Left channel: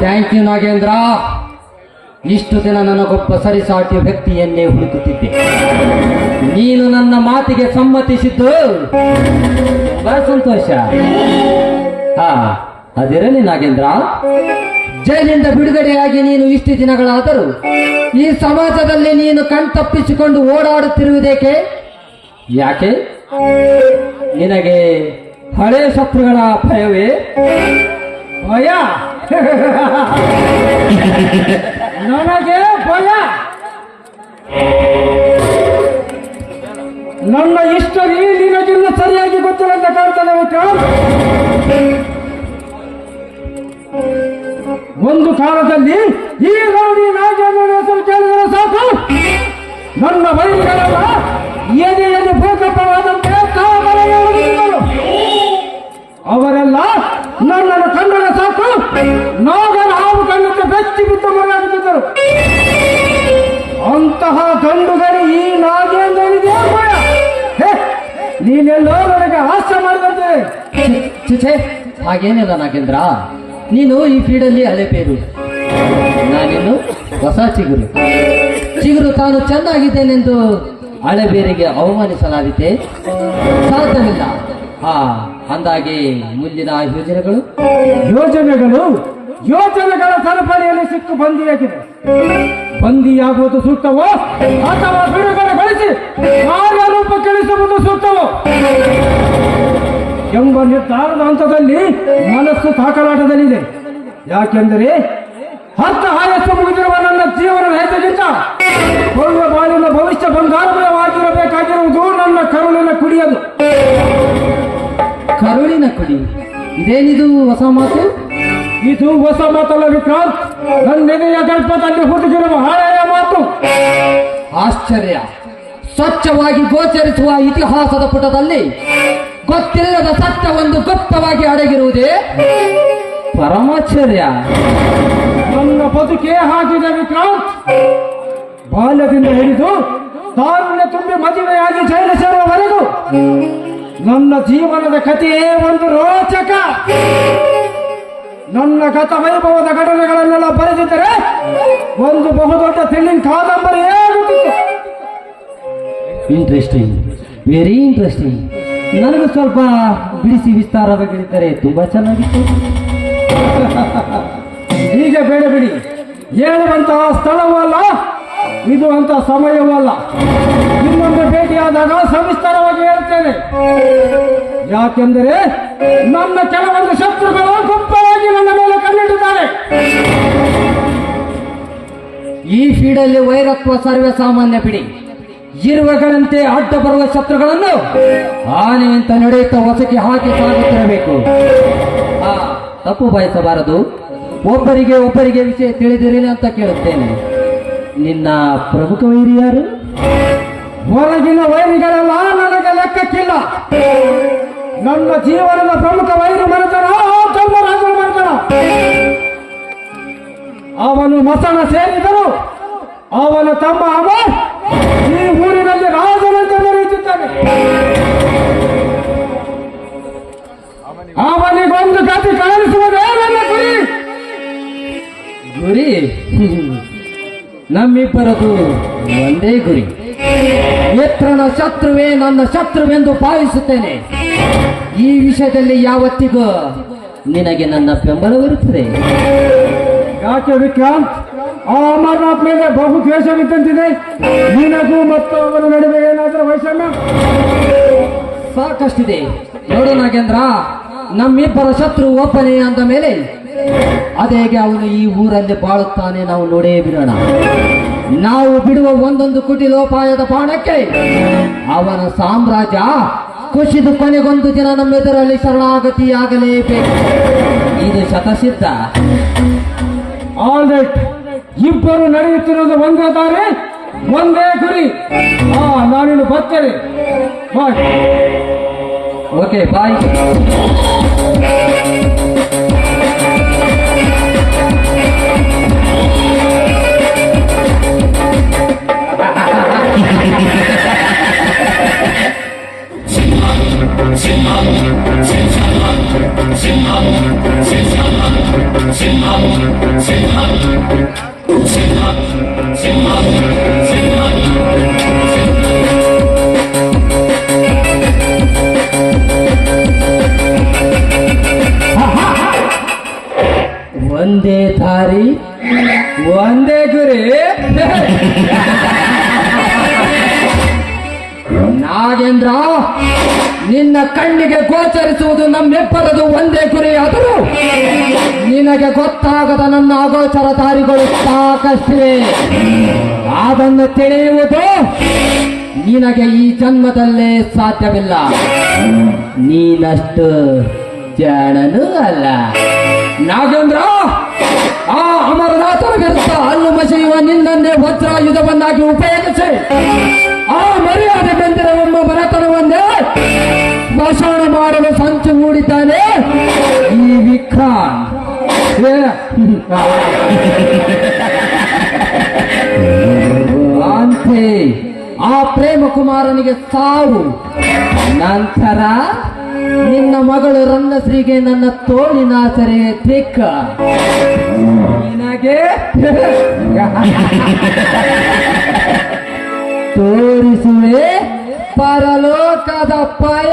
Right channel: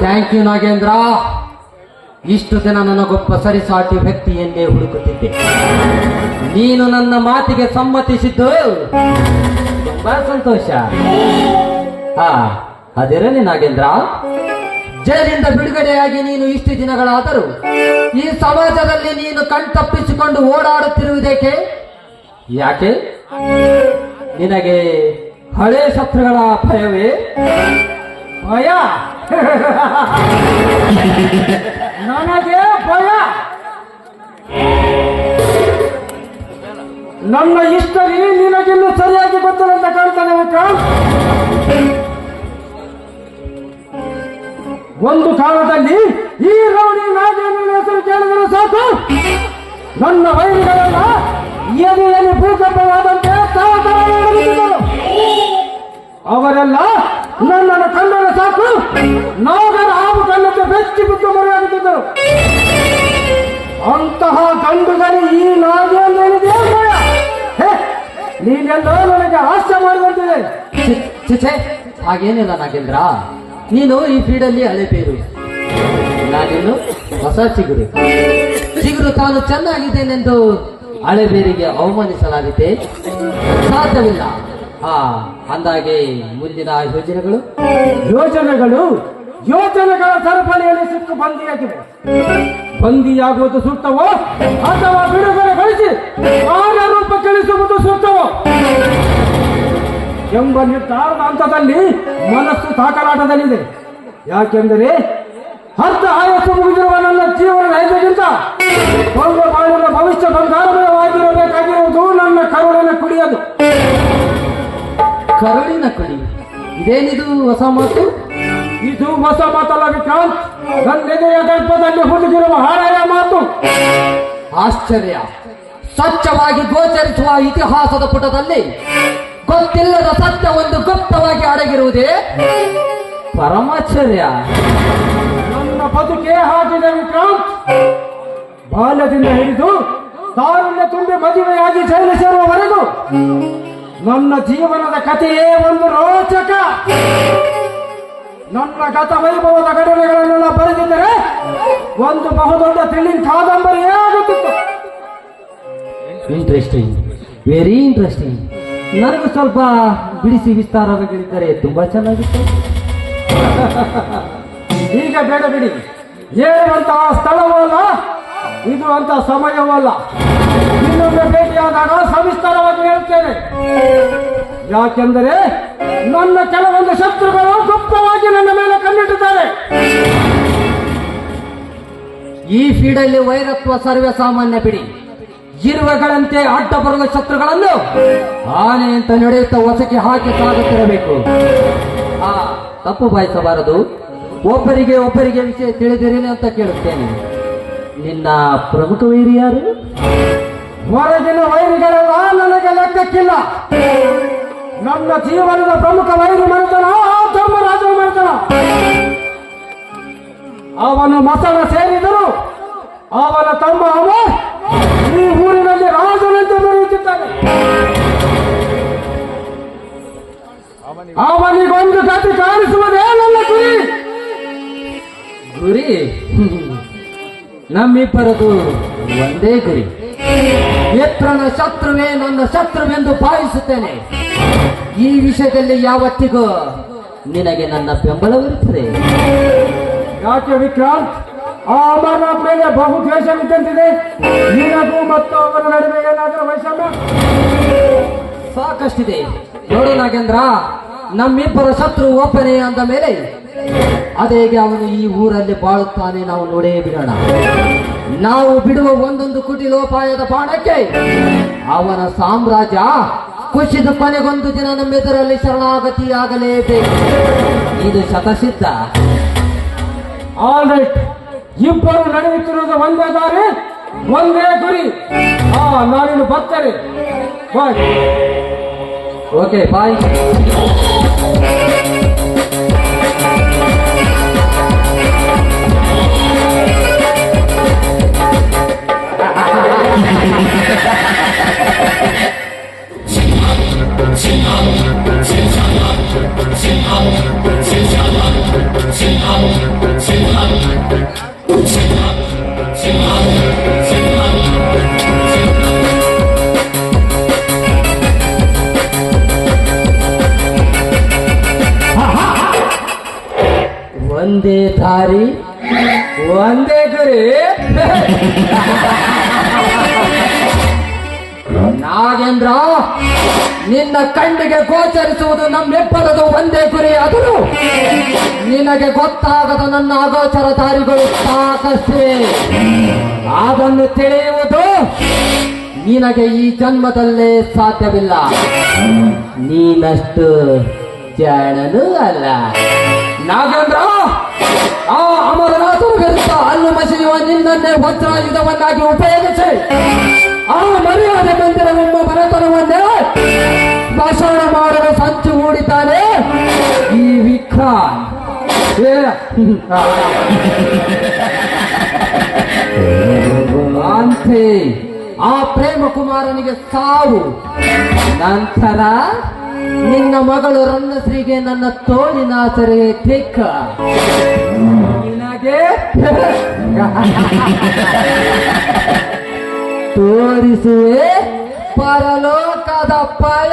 Thank you Nagendra. ಇಷ್ಟು ದಿನ ನನಗೊಬ್ಬ ಸರಿಸಾಟಿ ವ್ಯಕ್ತಿಯನ್ನೇ ಹುಡುಕುತ್ತಿದ್ದೆ. ನೀನು ನನ್ನ ಮಾತಿಗೆ ಸಮ್ಮತಿಸಿದ್ದು ಬಹಳ ಸಂತೋಷ. ಅದಿರಲಿ ನಾಗೇಂದ್ರ, ಜೈಲಿಂದ ಬಿಡುಗಡೆಯಾಗಿ ನೀನು ಇಷ್ಟು ದಿನಗಳಾದರೂ ಈ ಸಮಾಜದಲ್ಲಿ ನೀನು ಕಣ್ತಪ್ಪಿಸಿಕೊಂಡು ಓಡಾಡುತ್ತಿರುವುದೇಕೆ? ಯಾಕೆ? ನಿನಗೆ ಹಳೆ ಶತ್ರುಗಳ ಭಯವೇ? ಭಯ? ನನಗೆ ಭಯ? ನನ್ನ ಇಷ್ಟ ನಿನಗಿನ್ನು ಸರಿಯಾಗಿ ಗೊತ್ತಿಲ್ಲ ಅಂತ ಕಾಣ್ತದೆ ವಿಕ್ರಮ್. ಒಂದು ಕಾಲದಲ್ಲಿ ಈ ರೌಡಿ ನಾಗೇಂದ್ರ ಹೆಸರು ಕೇಳಿದರೆ ಸಾಕು, ನನ್ನ ವೈರಿಗಳೆಲ್ಲ ಎದೆಯಲ್ಲಿ ಭೂಕಂಪವಾದಂತೆ ಅವರೆಲ್ಲ ನನ್ನನ್ನು ಕಂಡರೆ ಸಾಕು ನಾಗರ ಹಾವು ಕಣ್ಣಕ್ಕೆ ಬೆಚ್ಚಿ ಬಿಟ್ಟು ಮರೆಯಾಗುತ್ತಿದ್ದರು. ಅಂತಹ ಗಂಡುಗಳು ಈ ನಾಗೇಂದ್ರನಿಗೆ ನೀನೆಲ್ಲೋ ನನಗೆ ಹಾಸ್ಯ ಮಾಡಿದಂತೆ. ಚಿಚೆ, ಹಾಗೇನಿಲ್ಲ ನಾಗೇಂದ್ರ, ನೀನು ಈ ಫೀಲ್ಡಲ್ಲಿ ಹಳೆಬೇರು, ನಾನಿನ್ನು ಹೊಸ ಚಿಗುರು. ಚಿಗುರು ತಾನು ಚೆನ್ನಾಗಿದ್ದೇನೆಂದು ಹಳೆಬೇರಿಗೆ ಅವಮಾನಿಸಲಾಗಿದೆ, ಸಾಧ್ಯವಿಲ್ಲ. ಅಂದಾಗೆ ಮುಂದಿನ ಯೋಜನೆಗಳ ಸರಪಳಿಯಲ್ಲಿ ಸಿಕ್ಕು ಬಂದಿಯಾಗಿದೆ. ಬಂದಿಯಾಗುವುದು ಸೂಕ್ತವೋ ಅಥವಾ ಬಿಡುಗಡೆಗೊಳಿಸಿ ಕಾರ್ಯರೂಪ ಕಳಿಸುವುದು ಸೂಕ್ತವೋ ಎಂಬ ನಿರ್ಧಾರದ ಹಂತದಲ್ಲಿ ಮನಸ್ಸು ತಾಕಲಾಟದಲ್ಲಿದೆ. ಯಾಕೆಂದರೆ ಅರ್ಥ ಆಯಸ್ಸು ಮುಗಿದಿರುವ ನನ್ನ ಜೀವನದ ಹೆಸರಿಗಿಂತ ಸ್ವಲ್ಪ ಬಾಳಿನ ಭವಿಷ್ಯ ಬಂಗಾರಮಯವಾಗಿರಬೇಕಾಗಿರುವುದು ನನ್ನ ಕರುಳಿನ ಕುಡಿಯಲು. ಕರುಳಿನ ಕುಡಿ? ಇದೇನಿದು ಹೊಸ ಮಾತು? ಇದು ಹೊಸ ಮಾತಲ್ಲ ವಿಕ್ರಾಂತ್, ನನ್ನೆದೆಯ ಗರ್ಭದಲ್ಲಿ ಹುಡುಗಿರುವ ಹಳೆಯ ಮಾತು. ಆಶ್ಚರ್ಯ! ಸ್ವಚ್ಛವಾಗಿ ಗೋಚರಿಸುವ ಇತಿಹಾಸದ ಪುಟದಲ್ಲಿ ಗೊತ್ತಿಲ್ಲದ ಸತ್ಯವೊಂದು ಗುಪ್ತವಾಗಿ ಅಡಗಿರುವುದೇ ಪರಮಾಶ್ಚರ್ಯ. ನನ್ನ ಬದುಕೇ ಹಾಕಿದೆ ವಿಕ್ರಾಂತ್. ಬಾಲ್ಯದಿಂದ ಹಿಡಿದು ತಾರುಣ್ಯ ತುಂಬಿ ಮದುವೆಯಾಗಿ ಜೈಲು ಸೇರುವವರೆಗೂ ನನ್ನ ಜೀವನದ ಕಥೆಯೇ ಒಂದು ರೋಚಕ. ನನ್ನ ಗತ ವೈಭವದ ಘಟನೆಗಳನ್ನೆಲ್ಲ ಬರೆದಿದ್ದರೆ ಒಂದು ಬಹುದೊಡ್ಡ ಥ್ರಿಲ್ಲಿಂಗ್ ಕಾದಂಬರಿಯೇ ಆಗುತ್ತಿತ್ತು. Interesting, very interesting. ನನಗೂ ಸ್ವಲ್ಪ ಬಿಡಿಸಿ ವಿಸ್ತಾರವಾಗಿದ್ದರೆ ತುಂಬಾ ಚೆನ್ನಾಗಿತ್ತು. ಈಗ ಬೇಡ ಬಿಡಿ, ಹೇಳುವಂತಹ ಸ್ಥಳವೂ ಅಲ್ಲ, ಇದು ಅಂತ ಸಮಯವೂ ಅಲ್ಲ. ಇನ್ನೊಂದು ಭೇಟಿಯಾದಾಗ ಸವಿಸ್ತಾರವಾಗಿ ಹೇಳ್ತೇನೆ. ಯಾಕೆಂದರೆ ನನ್ನ ಕೆಲವೊಂದು ಶತ್ರುಗಳು ಗುಪ್ತವಾಗಿ ನನ್ನ ಮೇಲೆ ಕಣ್ಣಿಟ್ಟಿದ್ದಾರೆ. ಈ ಫೀಲ್ಡಲ್ಲಿ ವೈರತ್ವ ಸರ್ವೇ ಸಾಮಾನ್ಯ ಬಿಡಿ. ಇರುವೆಗಳಂತೆ ಅಡ್ಡ ಬರುವ ಶತ್ರುಗಳನ್ನು ಆನೆಯಂತ ನಡೆಯುತ್ತಾ ಹೊಸಕ್ಕೆ ಹಾಕಿ ಸಾಗುತ್ತಿರಬೇಕು. ತಪ್ಪು ಬಯಸಬಾರದು. ಒಬ್ಬರಿಗೆ ವಿಷಯ ತಿಳಿದಿರಲಿ ಅಂತ ಕೇಳುತ್ತೇನೆ. ನಿನ್ನ ಪ್ರಮುಖ ವೈರಿ ಯಾರು? ಹೊರಗಿನ ವೈರಿಗಳೆಲ್ಲ ನನಗೆ ಲೆಕ್ಕಕ್ಕಿಲ್ಲ. ನನ್ನ ಜೀವನದ ಪ್ರಮುಖ ವೈರಿ ಮನೆತನ ರಾಜ ಮನೆತನ. ಅವನು ಮಸಣ ಸೇರಿದರು. ಅವನ ತಮ್ಮ ಈ ಊರಿನಲ್ಲಿ ರಾಜನೆಂದು ಬರೆಯುತ್ತಿದ್ದಾನೆ. ಅವನಿಗೊಂದು ಗತಿ ಕಾಣಿಸುವುದೇ ನನ್ನ ಗುರಿ. ನಮ್ಮಿಬ್ಬರದು ಒಂದೇ ಗುರಿ. ಮಿತ್ರನ ಶತ್ರುವೇ ನನ್ನ ಶತ್ರುವೆಂದು ಭಾವಿಸುತ್ತೇನೆ. ಈ ವಿಷಯದಲ್ಲಿ ಯಾವತ್ತಿಗೂ ನಿನಗೆ ನನ್ನ ಬೆಂಬಲವಿರುತ್ತದೆ. ಯಾಕೆ ವಿಕ್ರಾಂತ್, ಆ ಅಮರನಾಥ್ ಮೇಲೆ ಬಹು ದ್ವೇಷವಿದ್ದಂತಿದೆ. ನಿನಗೂ ಮತ್ತು ಅವರ ನಡುವೆ ಏನಾದರೂ ವೈಷಮ್ಯ? ಸಾಕಷ್ಟಿದೆ. ನೋಡು ನಾಗೇಂದ್ರ, ನಮ್ಮಿಬ್ಬರ ಶತ್ರು ಒಬ್ಬನೇ ಅಂದ ಮೇಲೆ ಅದೇಗೆ ಅವನು ಈ ಊರಲ್ಲಿ ಬಾಳುತ್ತಾನೆ ನಾವು ನೋಡೇ ಬಿಡೋಣ. ನಾವು ಬಿಡುವ ಒಂದೊಂದು ಕುಟಿಲೋಪಾಯದ ಬಾಣಕ್ಕೆ ಅವನ ಸಾಮ್ರಾಜ್ಯ ಕುಸಿದು ಕೊನೆಗೊಂದು ದಿನ ನಮ್ಮೆದುರಲ್ಲಿ ಶರಣಾಗತಿಯಾಗಲೇಬೇಕು. ಇದು ಶತಸಿದ್ಧ. ಆಲ್ ರೈಟ್, ಇಬ್ಬರು ನಡೆಯುತ್ತಿರುವುದು ಒಂದೇ ದಾರಿ, ಒಂದೇ ಗುರಿ. ನಾನಿನ್ನು ಬರ್ತೇನೆ. Okay, bye. Sing on, ಒಂದೇ ದಾರಿ ಒಂದೇ ಗುರಿ. ನಾಗೇಂದ್ರ, ನಿನ್ನ ಕಣ್ಣಿಗೆ ಗೋಚರಿಸುವುದು ನಮ್ಮಿಬ್ಬರದು ಒಂದೇ ಗುರಿ. ಆದರೂ ನಿನಗೆ ಗೊತ್ತಾಗದ ನನ್ನ ಅಗೋಚರ ದಾರಿಗಳು ಸಾಕಷ್ಟಿವೆ. ಅದನ್ನು ತಿಳಿಯುವುದು ನಿನಗೆ ಈ ಜನ್ಮದಲ್ಲೇ ಸಾಧ್ಯವಿಲ್ಲ. ನೀನಷ್ಟು ಜಾಣನೂ ಅಲ್ಲ. ನಾಗೇಂದ್ರ, ಆ ಅಮರನಾಥನ ವಿರುದ್ಧ ಹಲ್ಲು ಮಸೆಯುವ ನಿನ್ನನ್ನೇ ವಜ್ರಾಯುಧವನ್ನಾಗಿ ಉಪಯೋಗಿಸಿ ಆ ಮರ್ಯಾದೆ ಬೆಂದಿರವೆಂಬ ಮನೆತನವನ್ನೇ ಸ್ಮಶಾನ ಮಾಡಲು ಸಂಚು ಹೂಡಿದ್ದಾನೆ ಈ ವಿಕ್ರಮ್. ಅಂತೆ ಆ ಪ್ರೇಮ ಕುಮಾರನಿಗೆ ಸಾವು. ನಂತರ ನಿನ್ನ ಮಗಳು ರಂಗಶ್ರೀಗೆ ನನ್ನ ತೋಳಿನಾಚರೆ ದಿಕ್ಕ. ನಿನಗೆ ತೋರಿಸುವೆ ಪರಲೋಕದ ಪಯ.